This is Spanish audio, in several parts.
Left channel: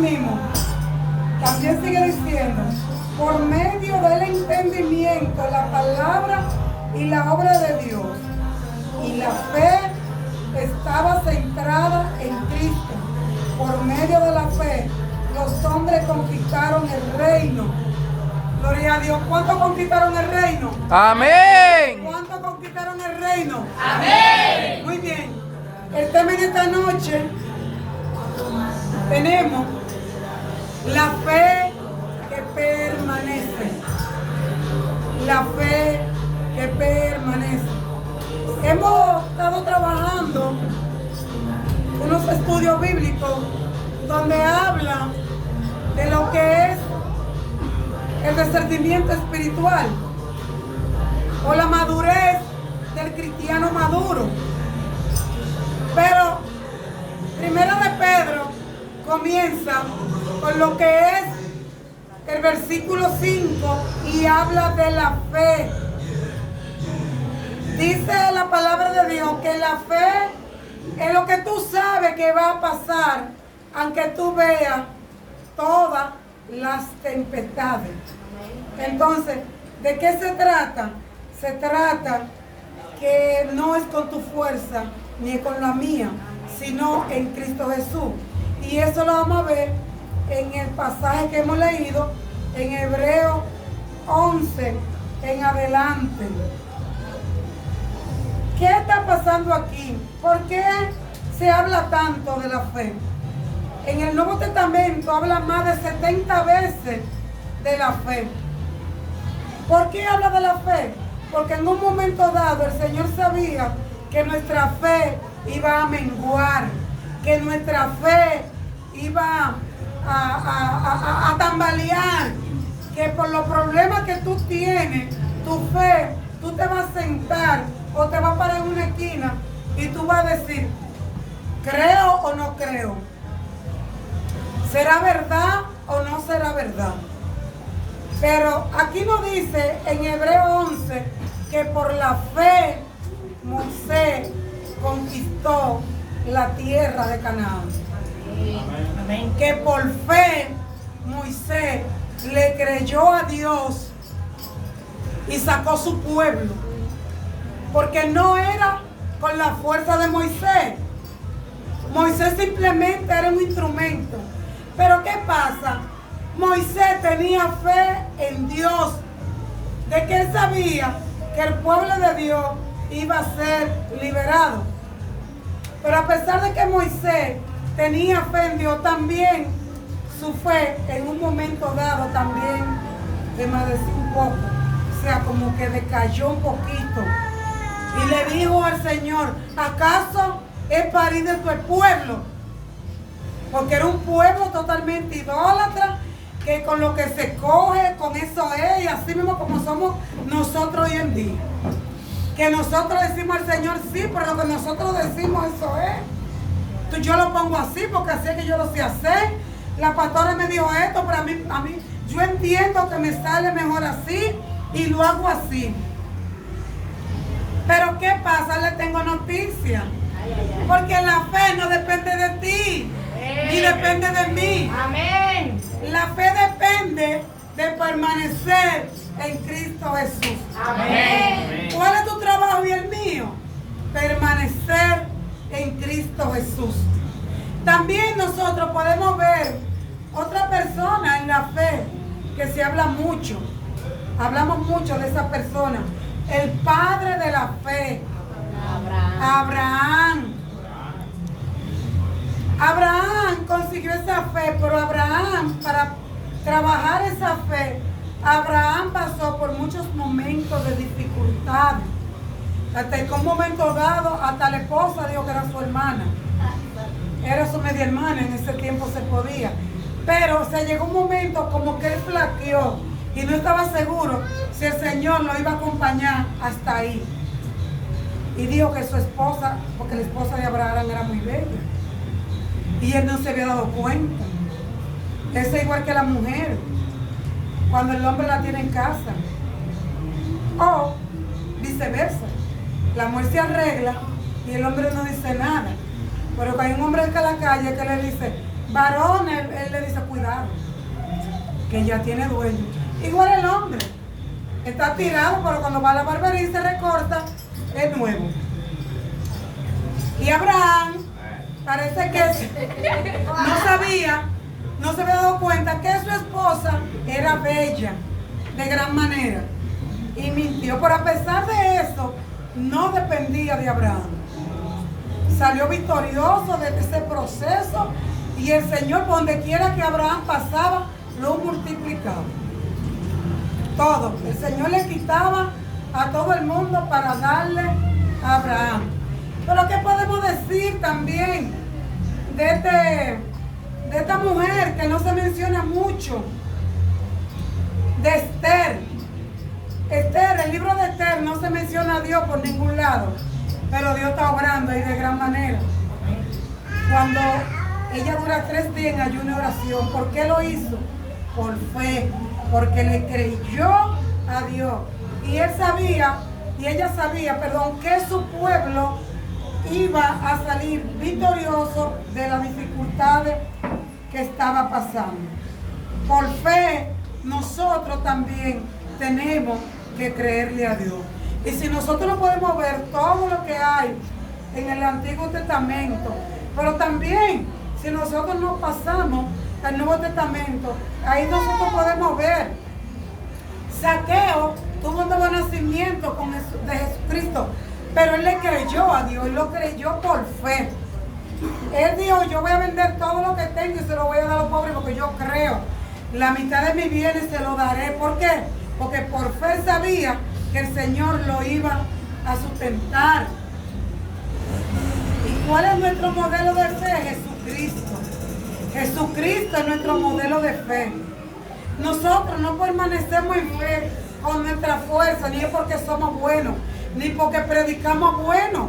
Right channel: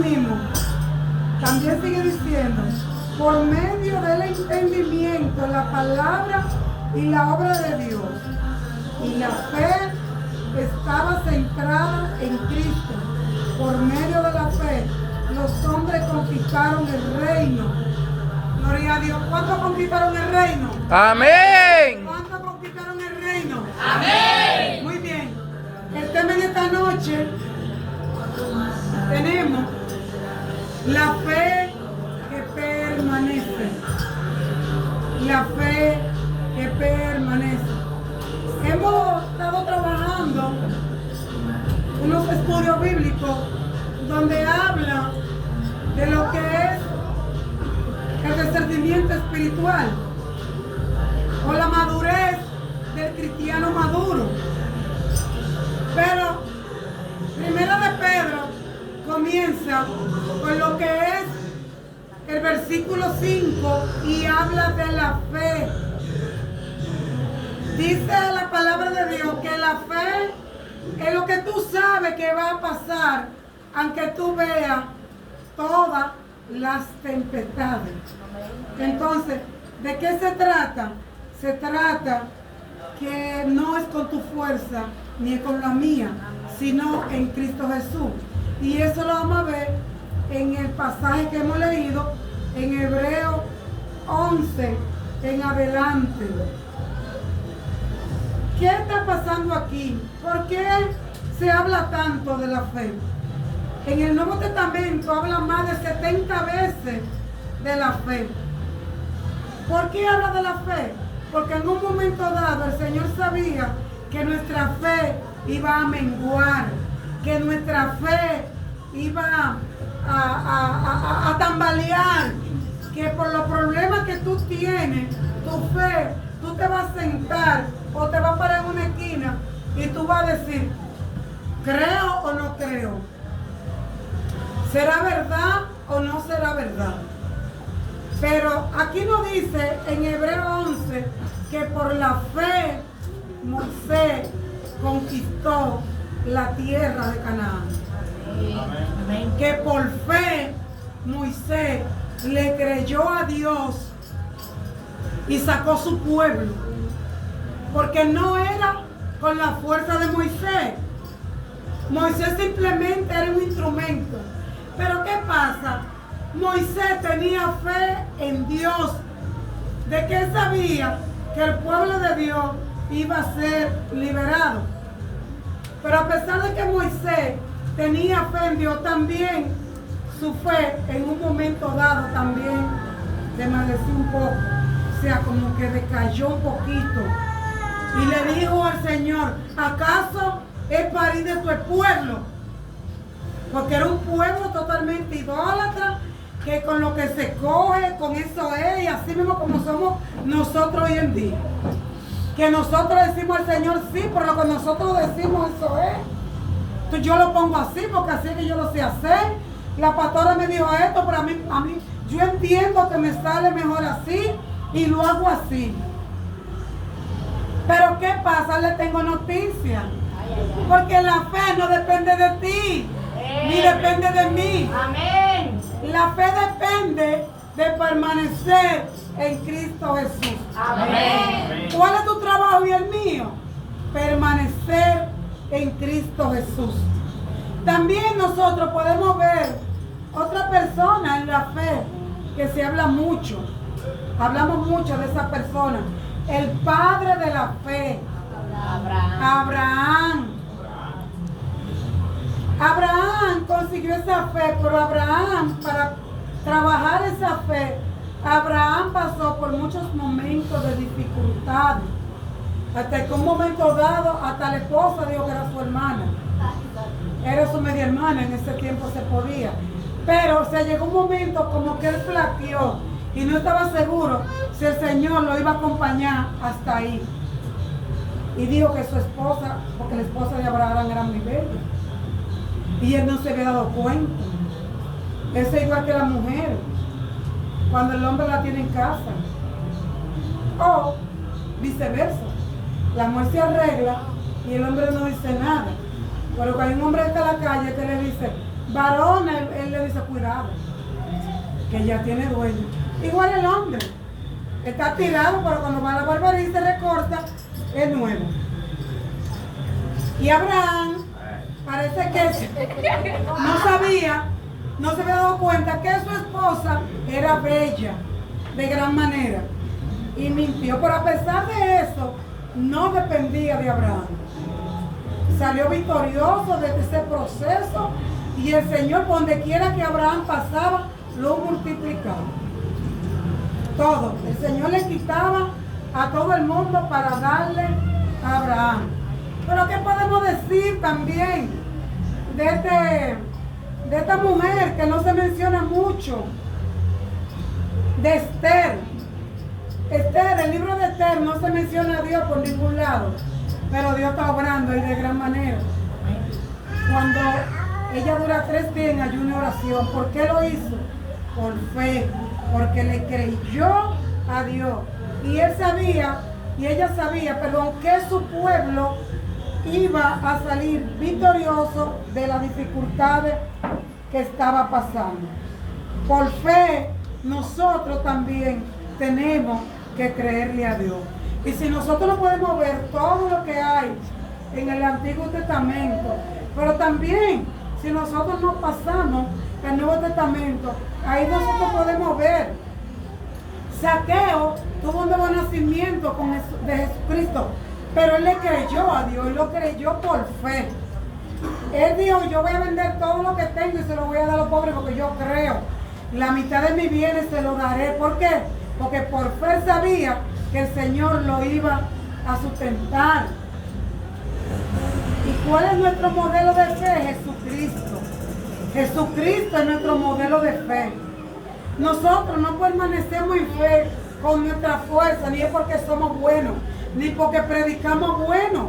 mismo, también sigue diciendo, por medio del entendimiento, la palabra y la obra de Dios, y la fe estaba centrada en Cristo. Por medio de la fe, los hombres conquistaron el reino. Gloria a Dios. ¿Cuántos conquistaron el reino? Amén. ¿Cuántos conquistaron el reino? Amén. Muy bien. El tema de esta noche tenemos la fe que permanece. La fe que permanece. Hemos estado trabajando unos estudios bíblicos donde habla de lo que es el discernimiento espiritual o la madurez del cristiano maduro. Pero Primera de Pedro comienza con lo que es el versículo 5 y habla de la fe. Dice la palabra de Dios que la fe es lo que tú sabes que va a pasar, aunque tú veas todas las tempestades. Entonces, ¿de qué se trata? Se trata que no es con tu fuerza ni con la mía, sino en Cristo Jesús. Y eso lo vamos a ver en el pasaje que hemos leído en Hebreos 11 en adelante. ¿Qué está pasando aquí? ¿Por qué se habla tanto de la fe? En el Nuevo Testamento habla más de 70 veces de la fe. ¿Por qué habla de la fe? Porque en un momento dado el Señor sabía que nuestra fe iba a menguar, que nuestra fe iba a tambalear, que por los problemas que tú tienes, tu fe, tú te vas a sentar o te vas a parar en una esquina y tú vas a decir, ¿creo o no creo? ¿Será verdad o no será verdad? Pero aquí nos dice en Hebreos 11 que por la fe Moisés conquistó la tierra de Canaán. Amén. Que por fe Moisés le creyó a Dios y sacó su pueblo. Porque no era con la fuerza de Moisés. Moisés simplemente era un instrumento. Pero ¿qué pasa? Moisés tenía fe en Dios, de que él sabía que el pueblo de Dios iba a ser liberado. Pero a pesar de que Moisés tenía fe en Dios, también su fe en un momento dado también desvaneció un poco, o sea, como que decayó un poquito. Y le dijo al Señor, ¿acaso he parido de tu pueblo? Porque era un pueblo totalmente idólatra, que con lo que se coge, con eso es, y así mismo como somos nosotros hoy en día. Que nosotros decimos al Señor sí, pero lo que nosotros decimos eso es. Yo lo pongo así porque así es que yo lo sé hacer. La pastora me dijo esto, pero a mí, yo entiendo que me sale mejor así y lo hago así. Pero ¿qué pasa? Le tengo noticia. Porque la fe no depende de ti, ni depende de mí. Amén. La fe depende de permanecer en Cristo Jesús. Amén. ¿Cuál es tu trabajo y el mío? Permanecer en Cristo Jesús. También nosotros podemos ver otra persona en la fe que se habla mucho. Hablamos mucho de esa persona. El padre de la fe. Abraham consiguió esa fe, pero Abraham, para trabajar esa fe, Abraham pasó por muchos momentos de dificultades. Hasta que un momento dado, hasta la esposa dijo que era su hermana. Era su media hermana, en ese tiempo se podía. Pero llegó un momento como que él flaqueó y no estaba seguro si el Señor lo iba a acompañar hasta ahí. Y dijo que su esposa, porque la esposa de Abraham era muy bella, y él no se había dado cuenta. Es igual que la mujer, cuando el hombre la tiene en casa. O viceversa. La mujer se arregla y el hombre no dice nada. Pero que hay un hombre en la calle que le dice, varón, él le dice, cuidado, que ya tiene dueño. Igual el hombre, está tirado, pero cuando va a la barbería y se recorta, es nuevo. Y Abraham, parece que no se había dado cuenta que su esposa era bella, de gran manera, y mintió, pero a pesar de eso, no dependía de Abraham. Salió victorioso de ese proceso y el Señor, donde quiera que Abraham pasaba, lo multiplicaba. Todo. El Señor le quitaba a todo el mundo para darle a Abraham. Pero ¿qué podemos decir también de esta mujer que no se menciona mucho? De Esther. Esther, el libro de Esther no se menciona a Dios por ningún lado, pero Dios está obrando ahí de gran manera. Cuando ella dura 3 días en ayuno y oración, ¿por qué lo hizo? Por fe, porque le creyó a Dios. Y ella sabía, que su pueblo iba a salir victorioso de las dificultades que estaba pasando. Por fe, nosotros también tenemos que creerle a Dios. Y si nosotros no podemos ver todo lo que hay en el Antiguo Testamento, pero también si nosotros nos pasamos al Nuevo Testamento, ahí nosotros podemos ver. Zaqueo tuvo un nuevo nacimiento de Jesucristo, pero él le creyó a Dios, él lo creyó por fe. Él dijo, yo voy a vender todo lo que tengo y se lo voy a dar a los pobres porque yo creo. La mitad de mis bienes se lo daré. ¿Por qué? Porque por fe sabía que el Señor lo iba a sustentar. ¿Y cuál es nuestro modelo de fe? Jesucristo. Jesucristo es nuestro modelo de fe. Nosotros no permanecemos en fe con nuestra fuerza, ni es porque somos buenos, ni porque predicamos bueno.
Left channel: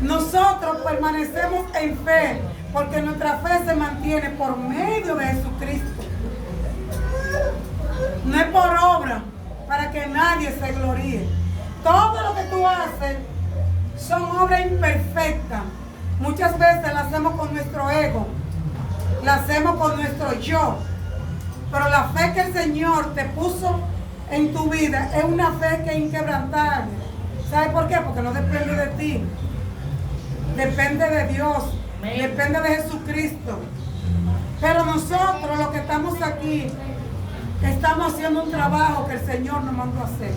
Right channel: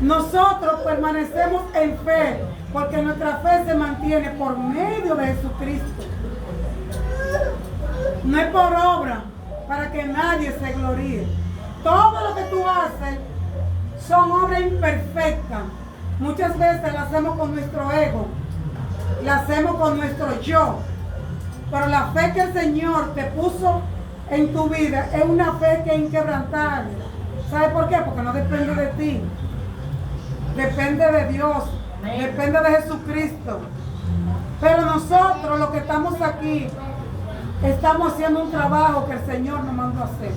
Nosotros permanecemos en fe porque nuestra fe se mantiene por medio de Jesucristo. No es por obra, para que nadie se gloríe. Todo lo que tú haces son obras imperfectas. Muchas veces las hacemos con nuestro ego, las hacemos con nuestro yo. Pero la fe que el Señor te puso en tu vida es una fe que es inquebrantable. ¿Sabes por qué? Porque no depende de ti. Depende de Dios. Depende de Jesucristo. Pero nosotros, los que estamos aquí, estamos haciendo un trabajo que el Señor nos mandó a hacer.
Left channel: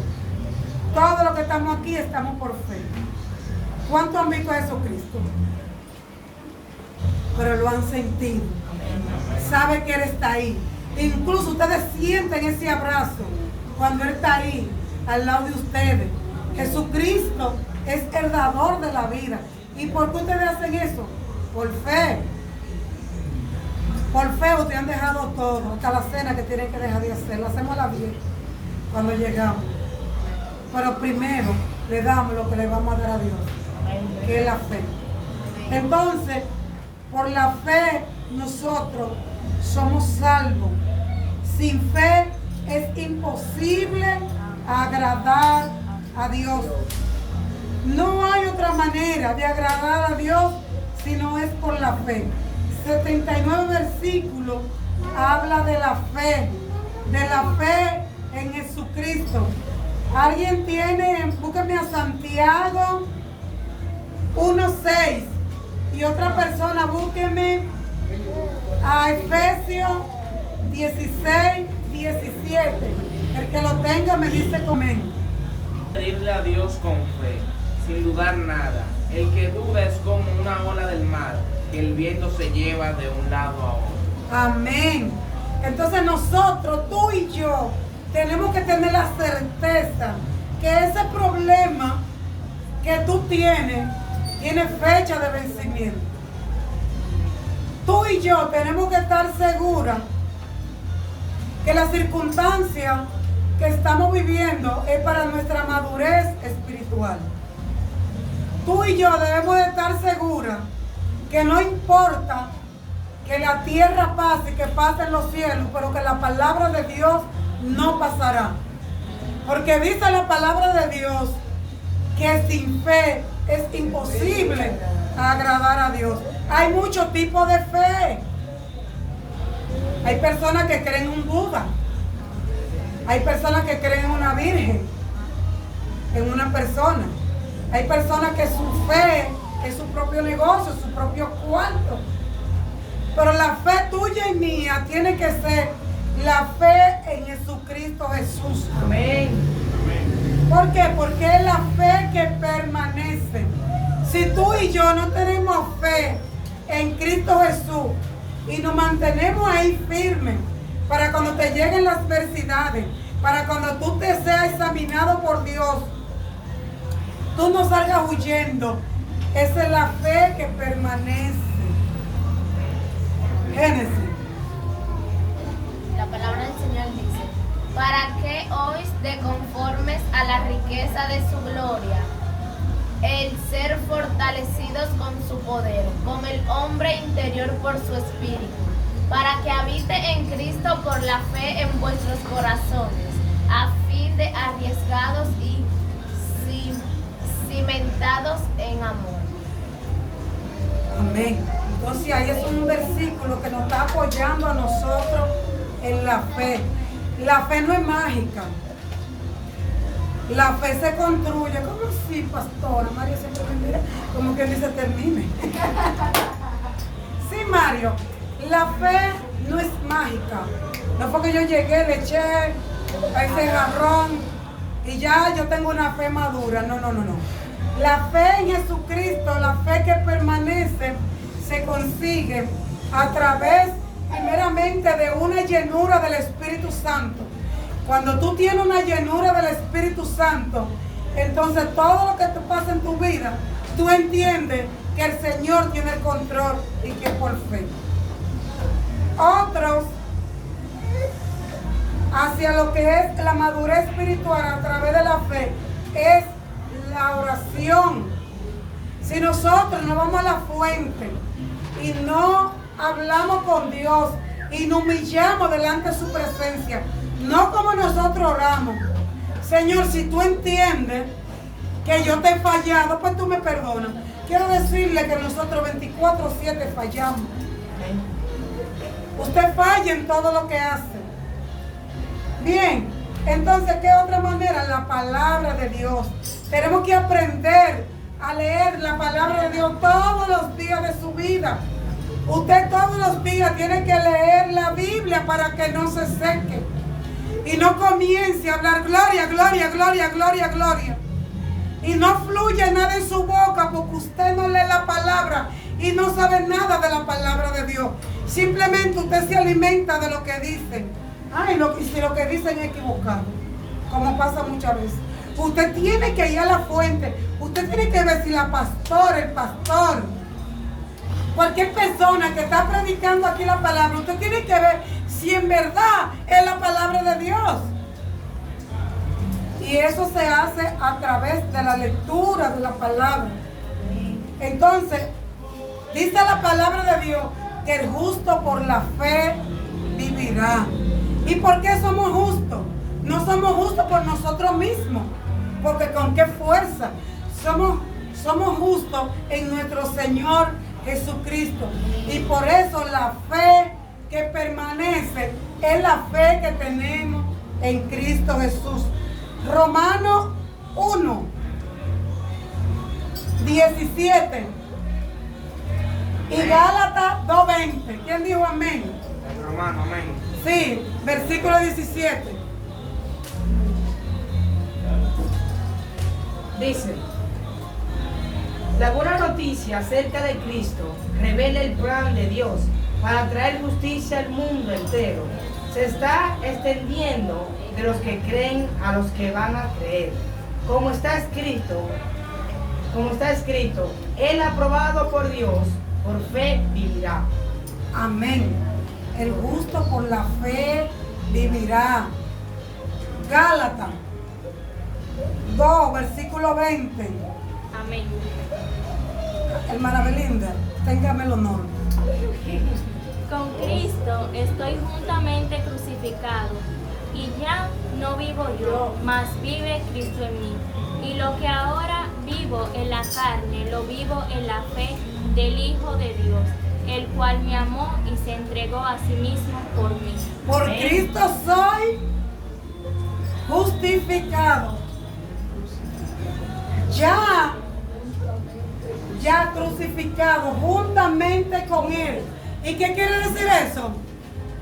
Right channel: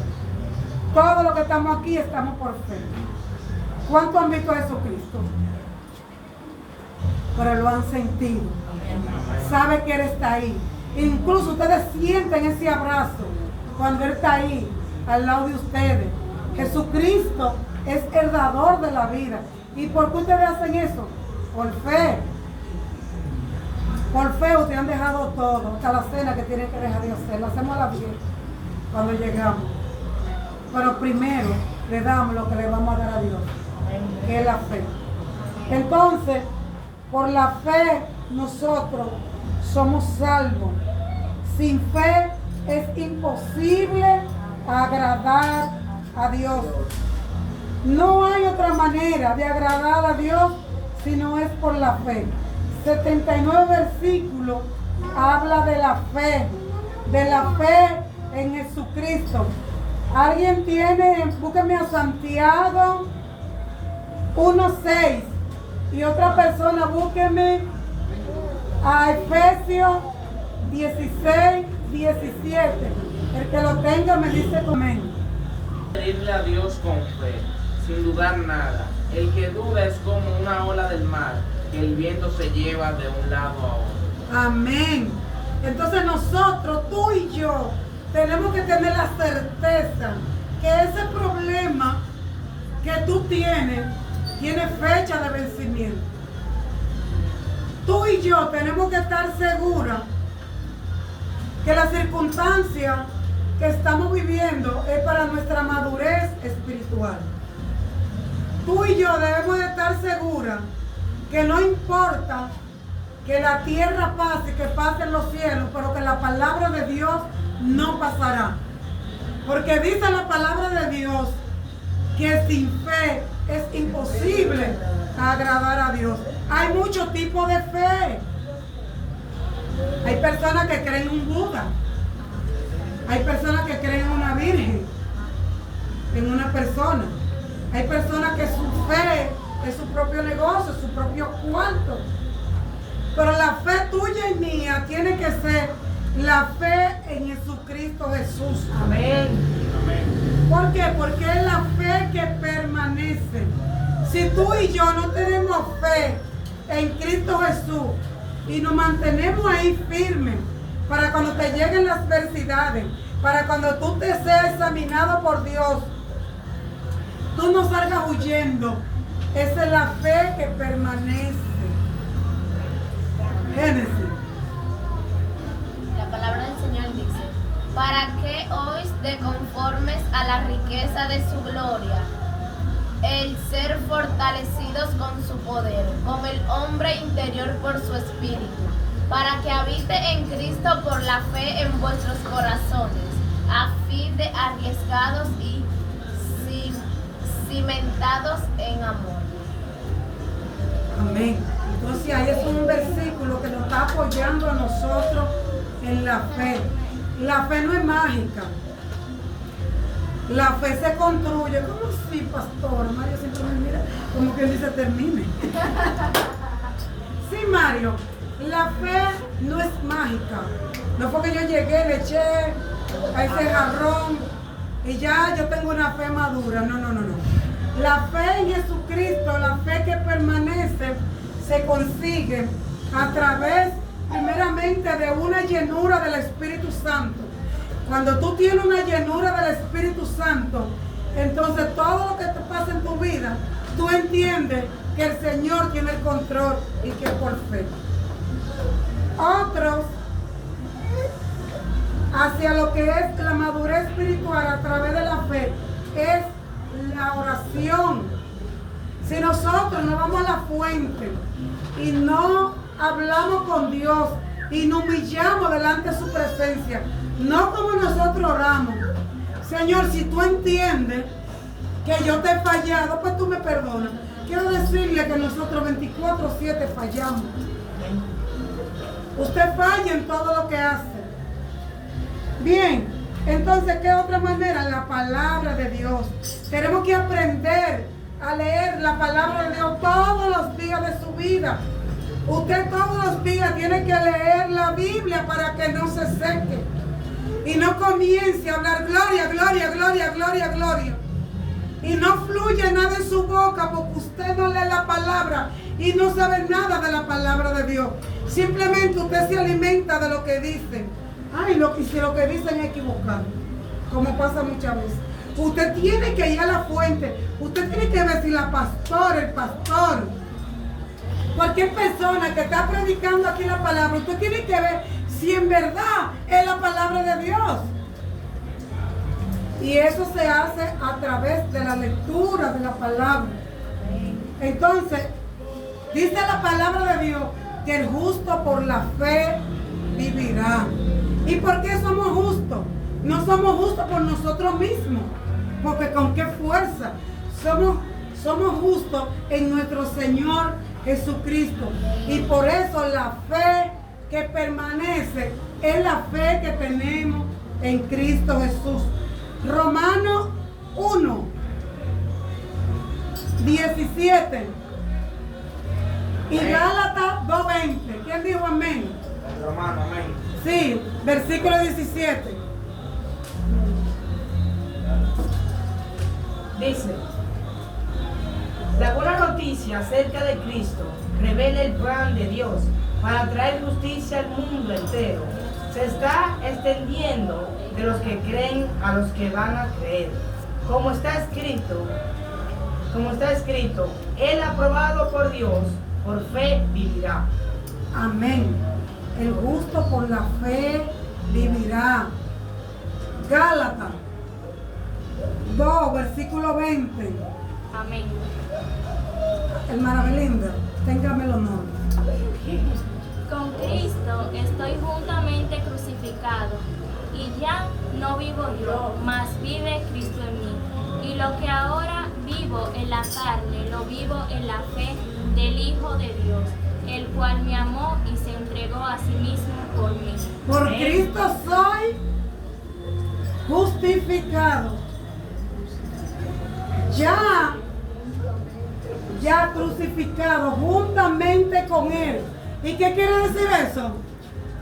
Todos los que estamos aquí estamos por fe. ¿Cuánto han visto a Jesucristo? Pero lo han sentido. Sabe que Él está ahí. Incluso ustedes sienten ese abrazo cuando Él está ahí, al lado de ustedes. Jesucristo es el dador de la vida. ¿Y por qué ustedes hacen eso? Por fe. Por fe ustedes han dejado todo, hasta la cena que tienen que dejar de hacer. La hacemos a la bien cuando llegamos. Pero primero le damos lo que le vamos a dar a Dios, que es la fe. Entonces, por la fe nosotros somos salvos. Sin fe es imposible agradar a Dios. No hay otra manera de agradar a Dios si no es por la fe. 79 versículos habla de la fe en Jesucristo. ¿Alguien tiene? Búsqueme a Santiago 1:6 y otra persona búsqueme a Efesios 16:17. El que lo tenga me dice amén. Pedirle a Dios con fe, sin dudar nada. El que duda es como una ola del mar, que el viento se lleva de un lado a otro. Amén. Entonces nosotros, tú y yo, tenemos que tener la certeza que ese problema que tú tienes, tiene fecha de vencimiento. Tú y yo tenemos que estar seguras que la circunstancia que estamos viviendo es para nuestra madurez espiritual. Tú y yo debemos de estar seguras que no importa que la tierra pase y que pasen los cielos, pero que la palabra de Dios no pasará. Porque dice la palabra de Dios que sin fe es imposible agradar a Dios. Hay muchos tipos de fe. Hay personas que creen en un Buda. Hay personas que creen en una virgen, en una persona. Hay personas que su fe es su propio negocio, su propio cuarto. Pero la fe tuya y mía tiene que ser la fe en Jesucristo Jesús. Amén. ¿Por qué? Porque es la fe que permanece. Si tú y yo no tenemos fe en Cristo Jesús y nos mantenemos ahí firmes para cuando te lleguen las adversidades, para cuando tú te seas examinado por Dios, tú no salgas huyendo. Esa es la fe que permanece. Génesis. La palabra del Señor dice: ¿para qué oís de conformes a la riqueza de su gloria, el ser fortalecidos con su poder, con el hombre interior por su espíritu, para que habite en Cristo por la fe en vuestros corazones, a fin de arriesgados y cimentados en amor? Amén. Entonces ahí es un versículo que nos está apoyando a nosotros en la fe. La fe no es mágica. La fe se construye. ¿Cómo así, pastora? Mario siempre me mira como que dice termine. Sí, Mario. La fe no es mágica. No fue que yo llegué, le eché a ese jarrón y ya yo tengo una fe madura. No. La fe en Jesucristo, la fe que permanece, se consigue a través primeramente de una llenura del Espíritu Santo. Cuando tú tienes una llenura del Espíritu Santo, entonces todo lo que te pasa en tu vida, tú entiendes que el Señor tiene el control y que es por fe. Otros, hacia lo que es la madurez espiritual a través de la fe, es la oración. Si nosotros no vamos a la fuente y no hablamos con Dios y nos humillamos delante de su presencia, no como nosotros oramos: Señor, si tú entiendes que yo te he fallado, pues tú me perdonas. Quiero decirle que nosotros 24/7 fallamos. Usted falla en todo lo que hace. Bien, entonces, ¿qué otra manera? La palabra de Dios. Tenemos que aprender a leer la palabra de Dios todos los días de su vida. Usted todos los días tiene que leer la Biblia para que no se seque y no comience a hablar gloria, gloria, gloria, gloria, gloria, y no fluye nada en su boca porque usted no lee la palabra y no sabe nada de la palabra de Dios. Simplemente usted se alimenta de lo que dicen. Ay, no, y si lo que dicen es equivocado, como pasa muchas veces. Usted tiene que ir a la fuente. Usted tiene que ver si la pastora, el pastor, cualquier persona que está predicando aquí la palabra, usted tiene que ver si en verdad es la palabra de Dios. Y eso se hace a través de la lectura de la palabra. Entonces, dice la palabra de Dios que el justo por la fe vivirá. ¿Y por qué somos justos? No somos justos por nosotros mismos, porque con qué fuerza. Somos justos en nuestro Señor Jesucristo. Y por eso la fe que permanece es la fe que tenemos en Cristo Jesús. Romanos 1, 17 y Gálatas 2:20. ¿Quién dijo amén? Romano, amén. Sí, versículo 17. Dice: la buena noticia acerca de Cristo revela el plan de Dios para traer justicia al mundo entero. Se está extendiendo de los que creen a los que van a creer. Como está escrito, Él aprobado por Dios, por fe vivirá. Amén. El justo por la fe vivirá. Gálatas 2, versículo 20. Amén. Hermana Belinda, téngame el honor. Con Cristo estoy juntamente crucificado, y ya no vivo yo, mas vive Cristo en mí. Y lo que ahora vivo en la carne, lo vivo en la fe del Hijo de Dios, el cual me amó y se entregó a sí mismo por mí. Por Cristo soy justificado. Ya crucificado juntamente con Él. ¿Y qué quiere decir eso?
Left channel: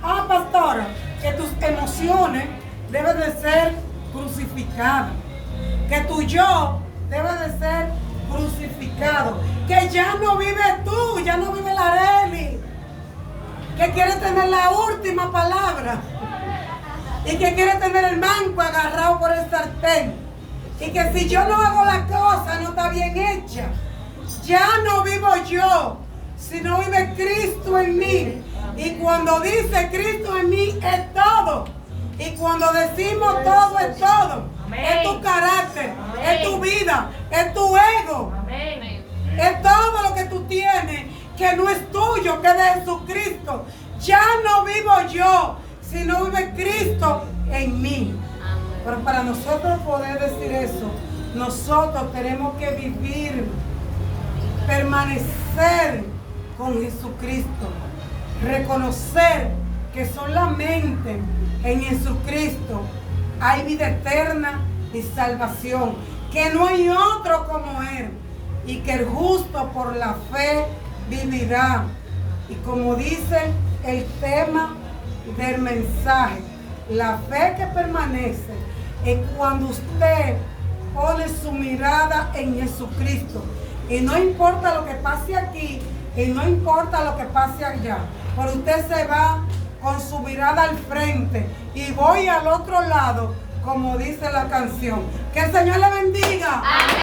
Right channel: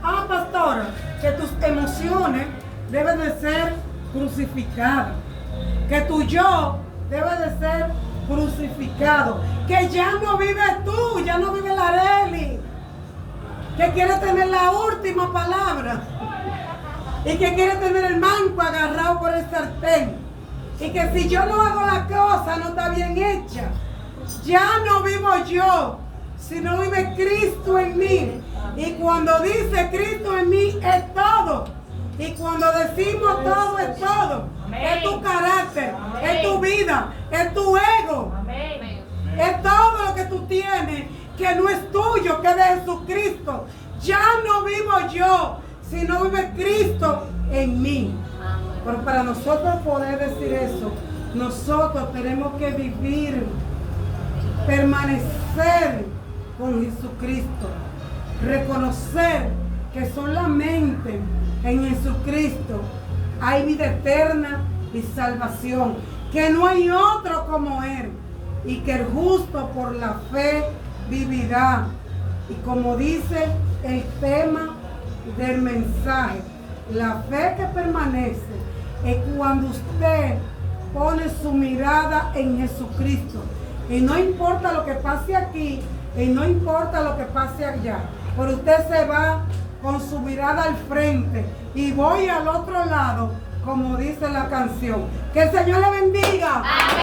Ah, pastora, que tus emociones deben de ser crucificadas. Que tu yo debe de ser crucificado. Que ya no vives tú, ya no vive la Arely. Que quiere tener la última palabra. Y que quiere tener el manco agarrado por el sartén. Y que si yo no hago la cosa, no está bien hecha. Ya no vivo yo, sino vive Cristo en mí. Y cuando dice Cristo en mí es todo. Y cuando decimos todo es todo. Amén. Es tu carácter, Amén. es tu vida, es tu ego. Amén. Es todo lo que tú tienes, que no es tuyo, que es de Jesucristo. Ya no vivo yo, sino vive Cristo en mí. Pero para nosotros poder decir eso, nosotros tenemos que vivir, permanecer con Jesucristo, reconocer que solamente en Jesucristo hay vida eterna y salvación, que no hay otro como Él, y que el justo por la fe vivirá. Y como dice el tema del mensaje, la fe que permanece es cuando usted pone su mirada en Jesucristo. Y no importa lo que pase aquí, y no importa lo que pase allá, pero usted se va con su mirada al frente y voy al otro lado, como dice la canción. Que el Señor le bendiga. Amén.